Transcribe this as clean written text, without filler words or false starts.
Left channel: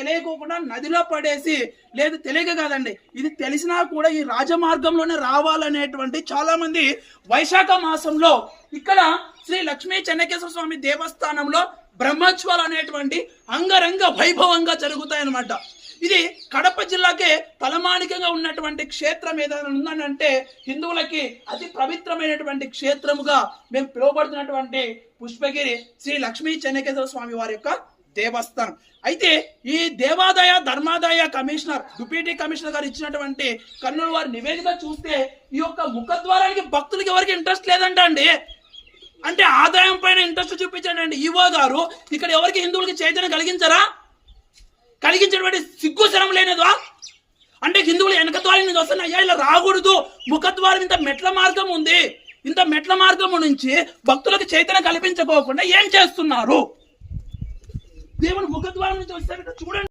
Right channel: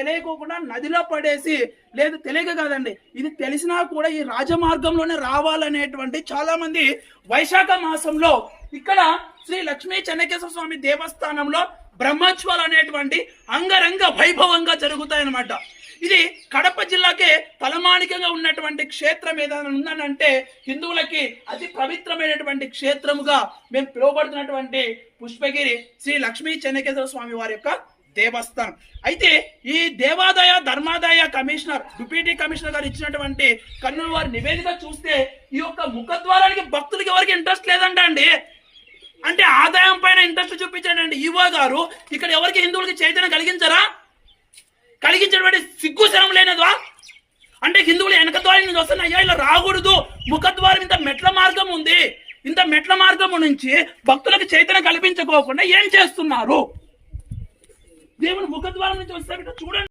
తెలియకోకుండా నదిలో పడేసి, లేదు తెలియక కాదండి, ఇది తెలిసినా కూడా ఈ రాజమార్గంలోనే రావాలనేటువంటి చాలా మంది వైశాఖ మాసంలో ఇక్కడ శ్రీ లక్ష్మీ చెన్నకేశ్వర స్వామి దేవస్థానంలో బ్రహ్మోత్సవాలు అనేటువంటి అంగరంగ వైభవంగా జరుగుతాయన్నమాట. ఇది కడప జిల్లాకే తలమానికంగా ఉన్నటువంటి క్షేత్రం ఏదైనా ఉందనంటే హిందువులకి అతి పవిత్రమైనటువంటి క్షేత్రముగా మేము పిలువబడుతున్నటువంటి పుష్పగిరి శ్రీ లక్ష్మీ చెన్నకేశ్వర స్వామి వారి యొక్క దేవస్థానం. అయితే ఈ దేవాదాయ ధర్మాదాయ కమిషనర్ డిప్యూటీ కమిషనర్ గారు ఇచ్చినటువంటి కర్నూలు వారి నివేదిక చూస్తే ఈ యొక్క ముఖద్వారానికి భక్తులకి ఎవరికి ఇంట్రెస్ట్ లేదంట అండి. అంటే ఆదాయం పైన ఇంట్రెస్ట్ చూపించండి. ఈవో గారు ఇక్కడ ఎవరికి హిందువులకి చైతన్యం కలిగించేటువంటి సిగ్గు శరం లేనదా? అంటే హిందువులు వెనక ద్వారం నుంచి వస్తున్న అయ్యా ఇలా రాకూడదు, ముఖద్వారం ఇంత మెట్ల మార్గం ఉంది, ఇంత మెట్ల మార్గం నుంచి భక్తులకు చైతన్యం కల్పించుకోకుండా ఏం చేస్తున్నారు? దేవుని ముఖద్వారం నుంచి వస్తే చూడండి.